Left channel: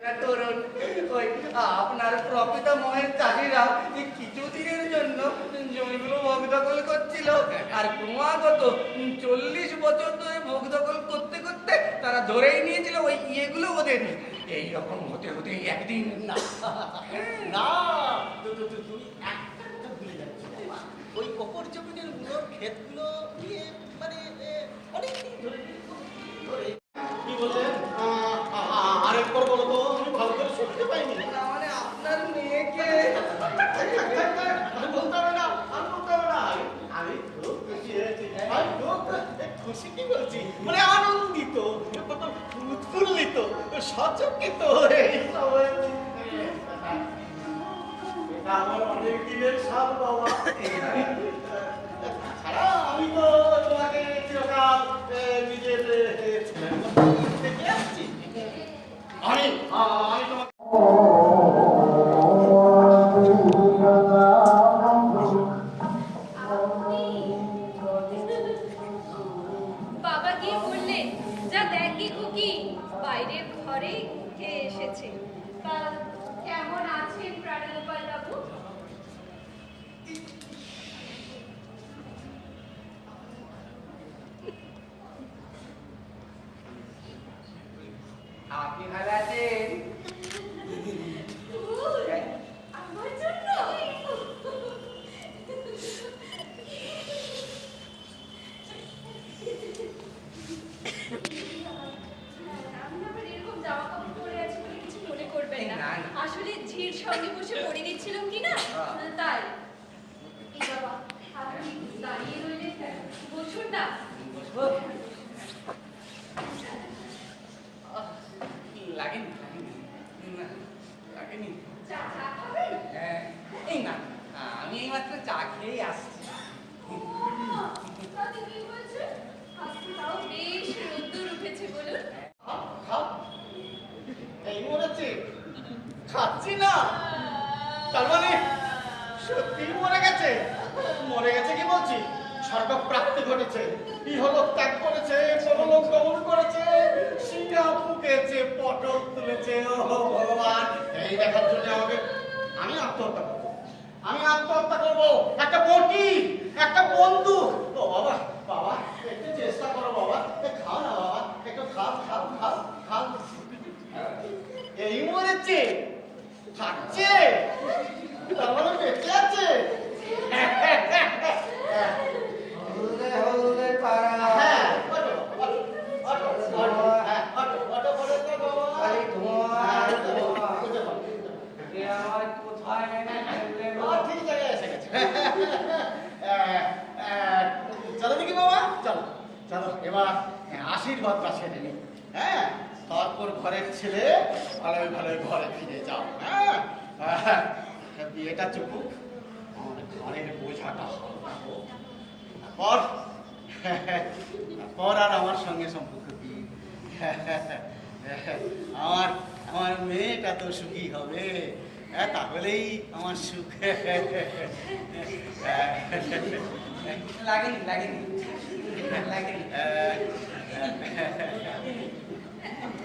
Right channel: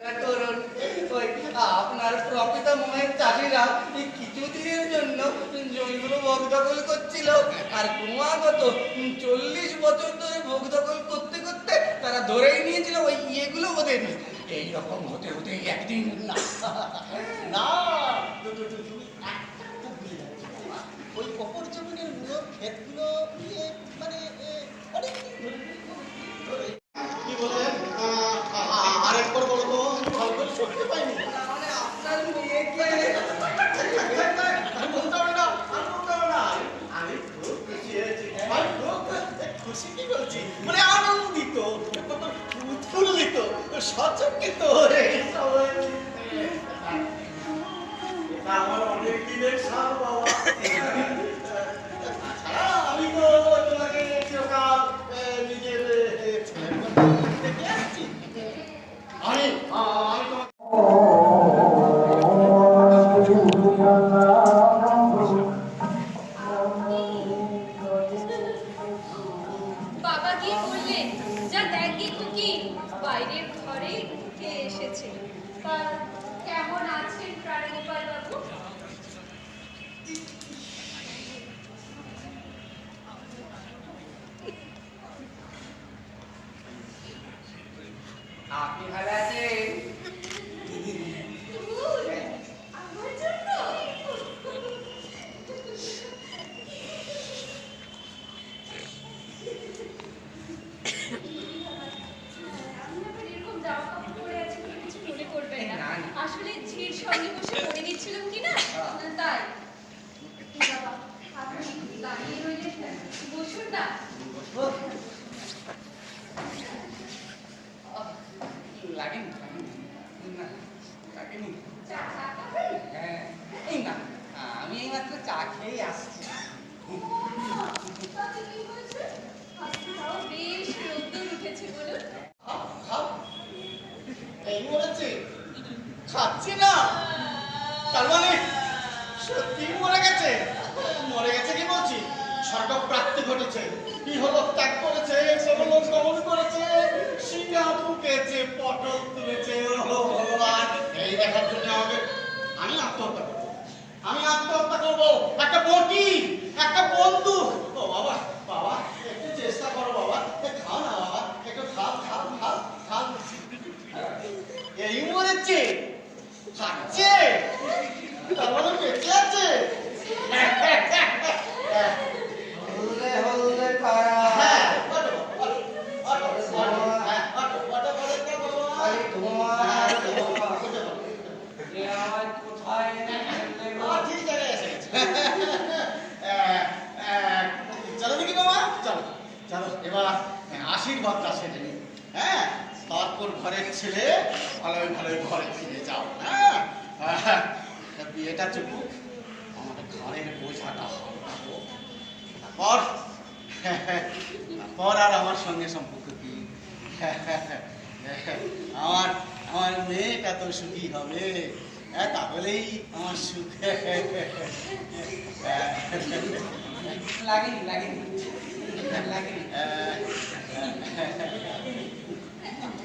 করুন ওই আপনার প্রপিতামহের চাষিরা এই কিছুদিনের জন্য জমিগুলো ভোগ দখল করছিল আর ক্রমাগত 40 বছর ধরে ভোগ দখল করতে করতে তারা ধরেই নিয়েছিল ওই ইয়েগুলো ওদের এইরকম হতে হতে একদিন না না ওই অপর জমিনের মূলর ক্ষেতগুলো দিয়ে মানে অনেকদিন ধরে কি বললেন আরেকবার বলো তো আমি ভালো করে শুনতে পাইনি। মানে আপনার মেয়েকে বলতে হবে না আমি খুব খুশি হয়েছি আমি খুব খুশি কি বলছি মানে আনন্দিত উৎফুল্লিত সচকিত এইসব হয়েছি। আমার অনেক দিনের সাল বাবা। তাছাড়া আমি তো তোমাকে চিরকাল নিজের ছেলের মতো দেখে আসছি। আমি তোমাকে বাবা গিয়ে বললেন, যা দেখ গে খুকি, বাইরের ঘরে উঠে এসেছে। তা কেমন আছেন প্রাণগোপাল বাবু? আপনি ভালো আছেন? আমার জন্য আমি আবার এরকম জামা কাপড় পরে আছি বলে কিছু মনে করবেন না। আসলে ঝির সঙ্গে বসে পড়ে দিচ্ছিলাম কি না, তাই। বাবা, আপনি দাঁড়িয়ে রইলেন কেন? বসুন না। লাগেনি লাগেনি চা খাবেন? হ্যাঁ এই না আমি এইমাত্র চা খেয়েই আসছি। তাতে কি হয়েছে? আজকে তাও বেশ রোদ্দুর উঠেছে বলুন। এই মরেছে খাচ্ছি না তার মানে সত্যি মরে গেছে কি বলছি স্বর্গ প্রাপ্তি ঘটেছে ইহলোক ত্যাগ করেছে পরলোক গমন করেছে সিংহা ফুকেছে পটল তুলেছে ও ভগবান এই দেখার জন্য আমি আত্মহত্যা করবো একটা বটি একটা বন্দুক ও বাবা বাবা একটু চেষ্টা করো বাবা খাও না বাবা একটু খাও এই মরেছে খাচ্ছে তার মানে বেঁচে আছে হলদে খারা খালি ধোঁয়া আর ধোঁয়া। এ আমার কোথায় এনে ফেললে গো? ঠিক জায়গায় এসে গেছে চলো দেখি বাবা চলো এবার আশীর্বাদটা সেরে নি হ্যাঁ তারপর ঘরের ছেলে ভালোই ঘরে ফিরে যাও হ্যাঁ বিয়েটা চুকুক আমাদের ঘরের বোঝাটা হালকা হোক তারপর আর আমার সঙ্গে সম্পর্ক কি আমার মেয়েটা তো সুখী হবে তাহলেই আমার সুখ লাগেনি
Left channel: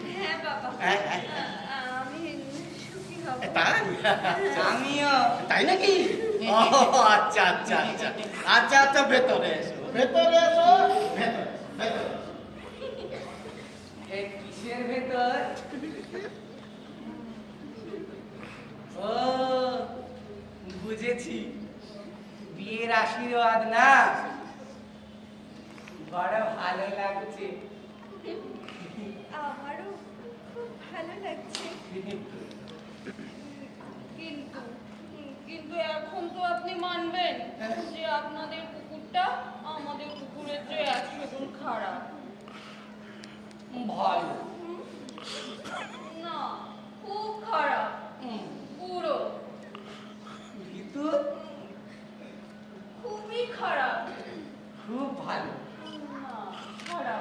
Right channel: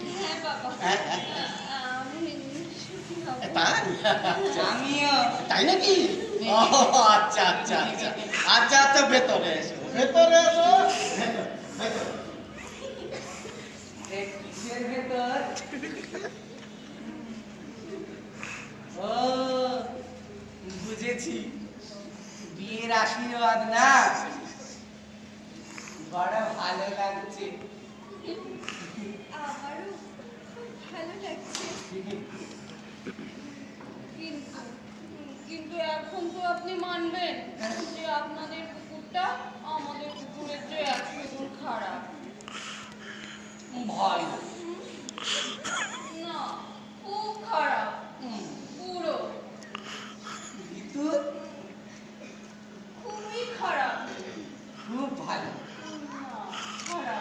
হ্যাঁ বাবা, আমি সুখী হব। তাই আমিও তাই নাকি ও আচ্ছা ভেতরে এসো এই কিসের ভেতর? ও বুঝেছি, বিয়ের আশীর্বাদ না? বড় ভালো লাগছে। আমারও খুব ভালো লাগছে, কিন্তু এখন তো আপনি মানবেন যে আপনাদের কুকুরটা আমাদের কুকুরের চেয়ে 100 গুণ খারাপ। ভালো না, খুব খারাপ, পুরো কিন্তু খুবই খারাপ। খুব ভালো। না, খারাপ।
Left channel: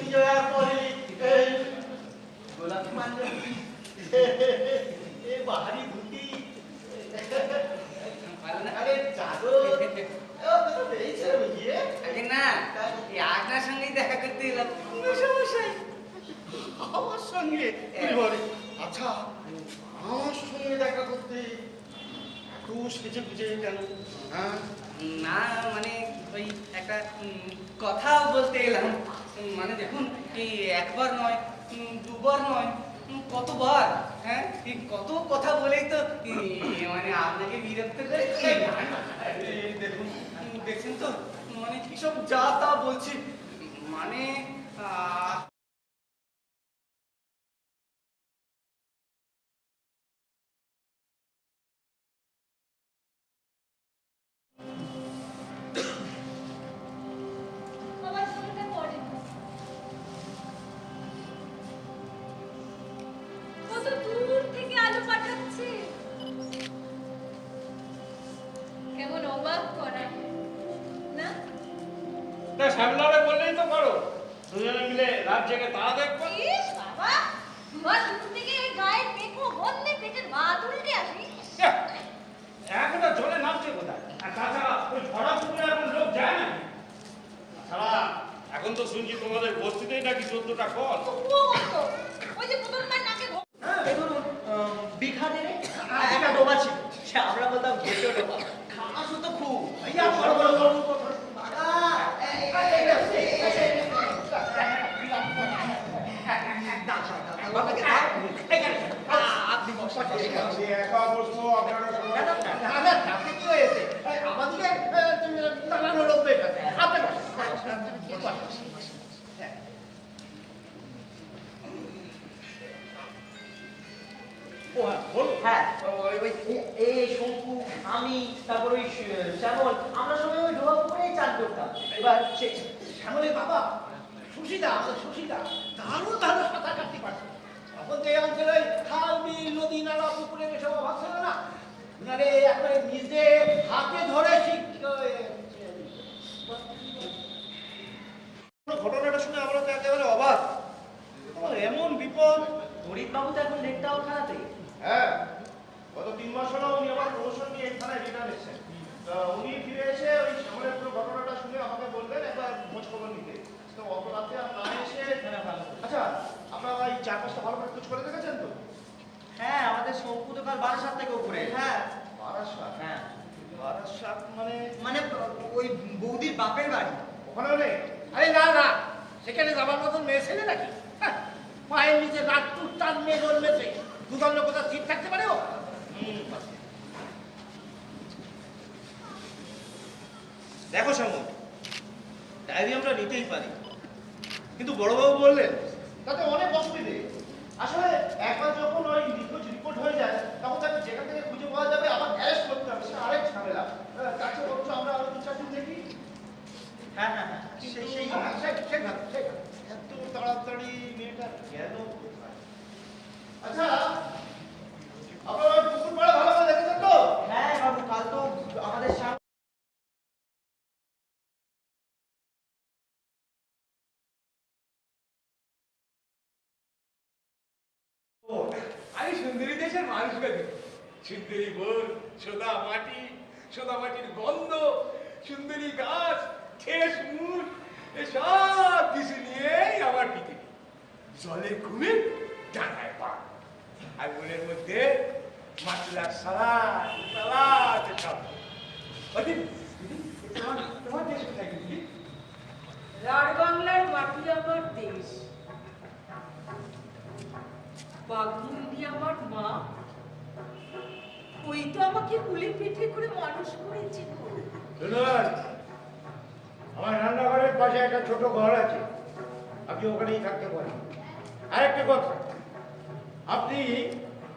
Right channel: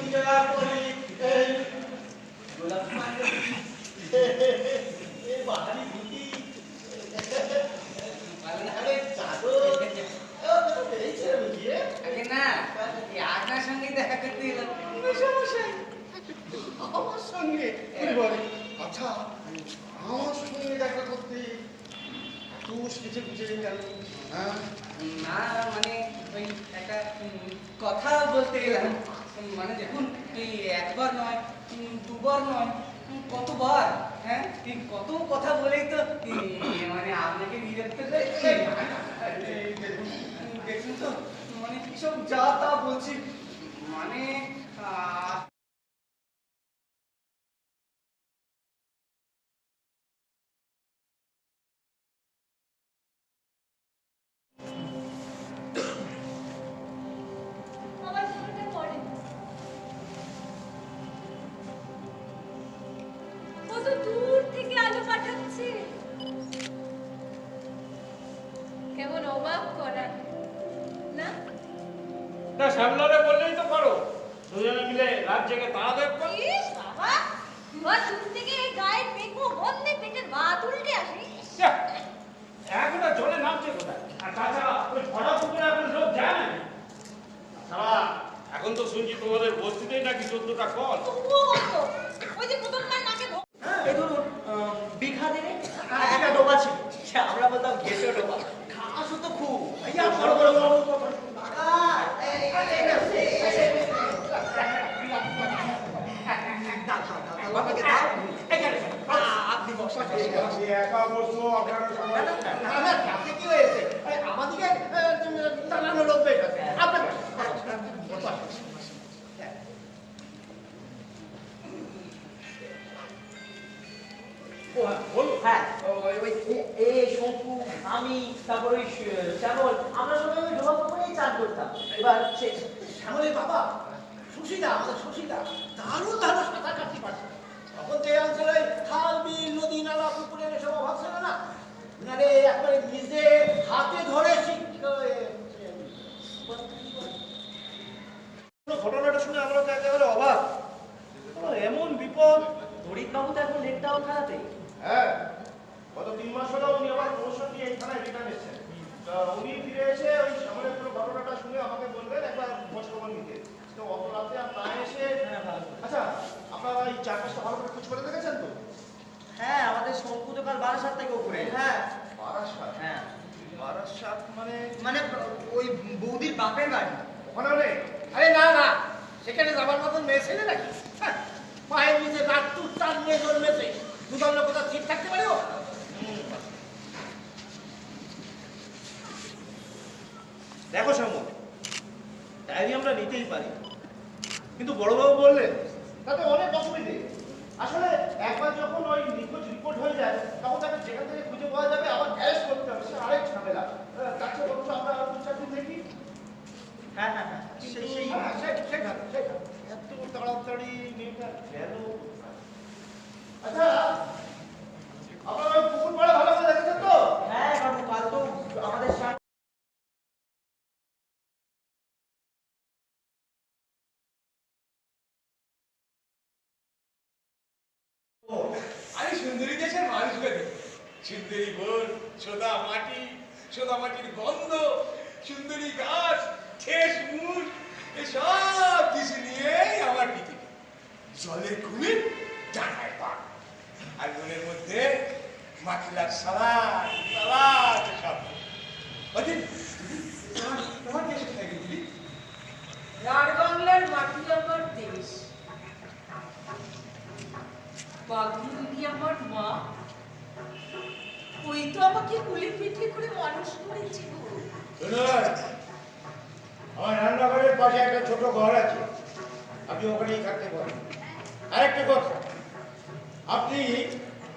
বিজয়া আমার সঙ্গে বলে আচ্ছা আমার সঙ্গে দেখা করতে এত সেজে বুঝে কেন? হ্যাঁ না মানে ওই একটা কথা বলতে এলাম। মানে দেখুন এই একবার নয়, দুবার নয়, কতবার, হ্যাঁ এই কত কথা বলেই তো মানে আপনাকে বিরক্ত করেছি। এই দেখুন, দেখছেন তো মানে কিসব যা তা বলছি। মানে আমার ফোনটা পড়ে কত দূর থেকে আলো পাঠাচ্ছে, কেমন অবাক করা না? না শ্যামলারে বললেই তো করো, দুজনে মিলে রাত জেগে তারা দেখবো। ইস বাবা, তোমার শুরু থেকে এই গায়ের দেখো বলতে পেটের ভাত উল্টে আসি। একটা জলে নামছে কোথায়? আর তাছাড়া ওই ভরা পুকুরে এখন লোক যায় না। তাছাড়া এখন তো শুনছি তোমাদের বস্তিতেই নাকি 14টা কল। তবুও বলতো, ওই যে প্রথমবার নাকে এই ধরুন বিঘা দেবে একটা ডোবা ছিল, সে আমরা বলতাম ঘেঁষো ডোবা। ঘাসও তো খুব বড় বড় বড় কথা আপনি বসেন। একা বসবো আপনারা সবাই। তাতে কি হয়েছে? আমাদেরকে টানানো লোক বের আছে। আপনি ও হ্যাঁ, বলুন। হ্যাঁ এই শঙ্কু, আমি, তারপর ওই শ্যামল, আমরা সবাই ওই ডোবা পুকুরেই চান করতাম। এবার সে শ্যামলের বাবা সুশীলা, আমাদের সুশীলা দারুণ ভালো সাঁতার কাটতে পারছে। তখন তো এই অঞ্চলে খাল বিল নদী নালা পুকুরের এসব অভাব ছিল না। ওনারে একবারে নিজে হাতে ধরে ঘটনাটা শুনে আমরা তো একেবারে অবাক। আমার এমন বিপদ। হরিৎ বাবু তো এখন লেকটাও খারাপে। হ্যাঁ, গত 3 মাস হলো উনি আবার প্রমোশন নিয়ে এই থানায় রিটার্ন এসেছেন। তা উনি ফিরে এসে ওই শ্যামলের পুরো ঘটনাটা শুনে আমাকে বললেন একবার খোঁজ খবর নিতে। তো অত রাতে আর না এসে আচ্ছা আপনারা এই চারপাশটা ভালো করে খোঁজ করে দেখেছেন তো? হ্যাঁ, আমাদের শঙ্কু তো কাল বারাসাত থেকে উপরে। হ্যাঁ বারাসাত? হ্যাঁ, বারাসাত মানে মানে ওই বৌদির বাপের বাড়ি। ওখানেও নেই? আরে না না, সেখানে যাবার মতন মেয়ে ছেলে নাকি? হ্যাঁ, পায়ের নিচে রাত টান মেয়ে জন্মেছে, দুদল লোক কোথাও ঠিক থাকতে পারে ও? দেখো শ্যামল, ডায়েরি আমরা নিতেই পারি, কিন্তু বড়বাবু বললেন তাতে অনেক অসুবিধে। আসলে একবার যখন ওই নিখোঁজ রিপোর্ট হয়ে যায় তখন তাকে যেখান থেকে খুঁজে পাওয়া যাবে আবার অ্যারেস্ট করতে হবে, সে আরেক ঝামেলা। তার চেয়ে বরঞ্চ আমরা আরো 2-4 দিন দেখি। হ্যাঁ হ্যাঁ হ্যাঁ, কিন্তু সেখানে এত তাড়াতাড়ি মেয়েটা গেল কোথায়? আচ্ছা আপনারা ওই পুকুর পাড়ে ভালো করে দেখেছেন তো? হ্যাঁ বাবু, কাল তো আমাদের সামনে আমি সুন্দরী দেশের মানুষ গেছি। সুন্দরী বোন, সোদা মাটি, সোদা মাটির গন্ধ, সুন্দরী গাছ, ঠেস মুখ, সব কিছু নিয়েই আমার পৃথিবী। জলের খুনে জানায় পা, আর মনের মধ্যে মাতলার সালাদ সালাদ সব। তোমার দেশ কোথায় গেছিলি? রাঢ়বাংলার মাটি আমার দেশ, বাঘমুন্ডি আমার মা, ওই তো আমাকে কুলে পিঠে করে মানুষ করেছে গো। শুনুন, আমার রান্নাঘরের পাশে একটা ছোট ঘর আছে, আপনি ওখানেই থাকতে পারেন। আরেকটা কথা, আপনি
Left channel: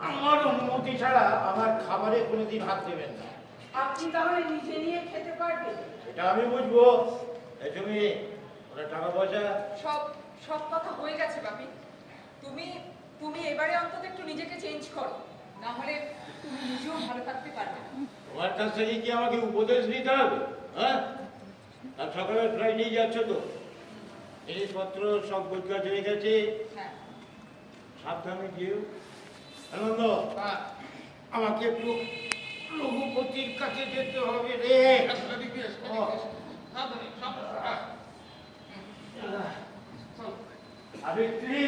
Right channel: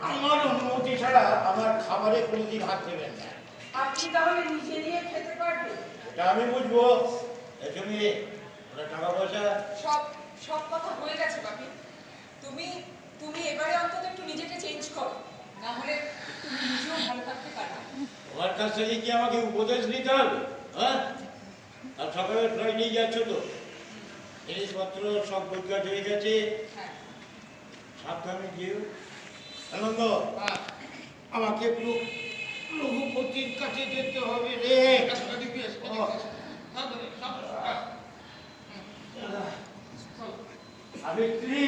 আমার অনুমতি ছাড়া আমার খাবারে কোনোদিন হাত দেবেন না। আপনি তাহলে নিজে নিয়ে খেতে পারবেন? এটা আমি বুঝবো। এই তুমি ওটা টাকা পয়সা সব সব কথা হয়ে গেছে বাপি। তুমি তুমি এবারে অন্তত একটু নিজেকে চেঞ্জ করো, না হলে তুমি নিজেও ভালো থাকতে পারবে না। তোমার কাছ থেকে কি আমাকে উপদেশ নিতে হবে? হ্যাঁ, আর সকালে প্রায় নিয়ে যাচ্ছ তো, জিনিসপত্র সব গোছগাছ হয়ে গেছে। হ্যাঁ, সাবধানে যেও। আনন্দ, আমাকে একটু রঘুপতির কাছে যেতে হবে রে। সাবিত্রী,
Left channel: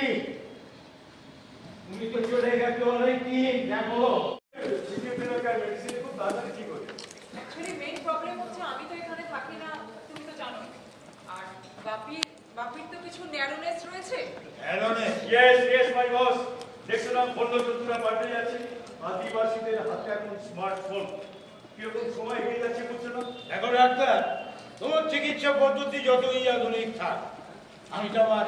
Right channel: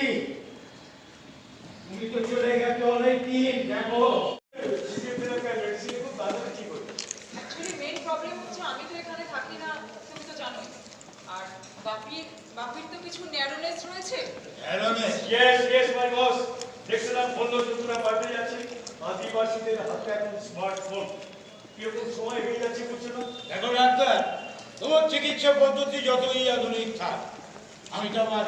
তুমি তো চলে গেছো অনেকদিন, দেখো ফিজিওথেরাপি মেডিসিনে খুব তাড়াতাড়ি ঠিক হয়ে যায়। অ্যাকচুয়ালি মেইন প্রবলেম হচ্ছে আমি তো এখানে থাকি না, তুমি তো জানোই। আর বাপির তো কিছু ন্যারোনেস রয়েছে। অ্যারোনেস, ইয়েস মাই বস। দেখছিলাম বললো তো তোমরা পাল্টে যাচ্ছি। আদিবাসীদের হাতে এখন স্মার্টফোন। কিরকম সময় এগিয়ে যাচ্ছে বুঝছো না? দেখো ডাক্তার, তোমার চিকিৎসা পদ্ধতি যতই আধুনিক থাক, আমি তো আমার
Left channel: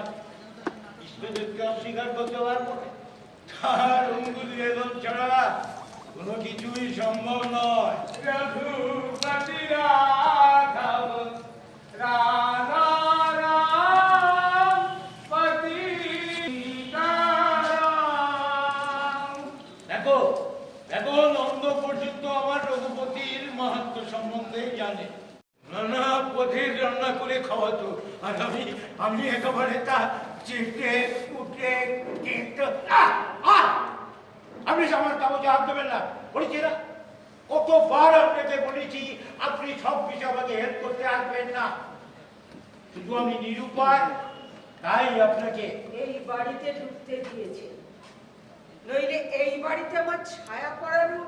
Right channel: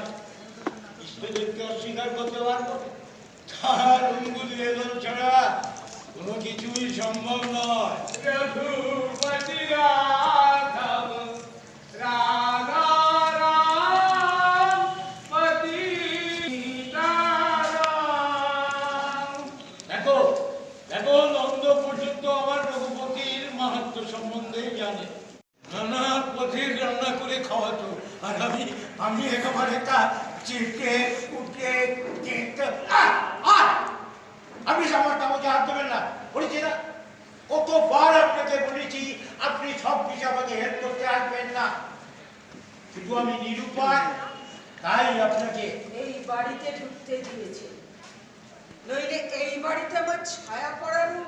ইষ্টদেবকে অস্বীকার করতে পারবো না। তার অঙ্গুল বেদন ছাড়া কোনো কিছুই সম্ভব নয়। রঘুপতি রাঘব রাধা রাম পতিতারাম। দেখো দেখো, নন্দ পর্যন্ত আমার রঘুপতির মাহাত্ম্য সম্বন্ধে জানে, নানা পথের রান্না করে খাওয়াতো, আর আমি একেবারে তা চেটে কুটে আপনি আমার কাগজে হাত দেবেন না, বলেছি না কতবার আপনাকে বলেছি আপনি সব বিষয়ে আমাকে হেল্প করতে আসবেন না, শুধু আমি নিরুপায় তাই আপনাকে এই বাড়িতে ঢুকতে দিয়েছে, নইলে এই বাড়িতে আমার ছায়া পড়ারও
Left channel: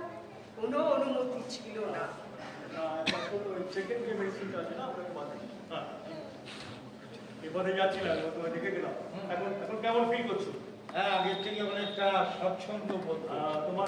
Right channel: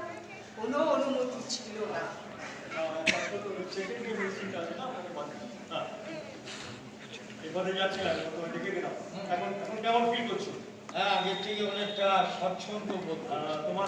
কোনো অনুমতি ছিল না। সেকেন্ড যে মেডিসিনটা আছে না ওটাকে বাদ দিই। হ্যাঁ এবারে যাচ্ছি না, তোমায় দেখে গেলাম। এখন কেমন ফিল করছো? আগের থেকে অনেকটা স্বচ্ছন্দ বোধ করছি। তোমার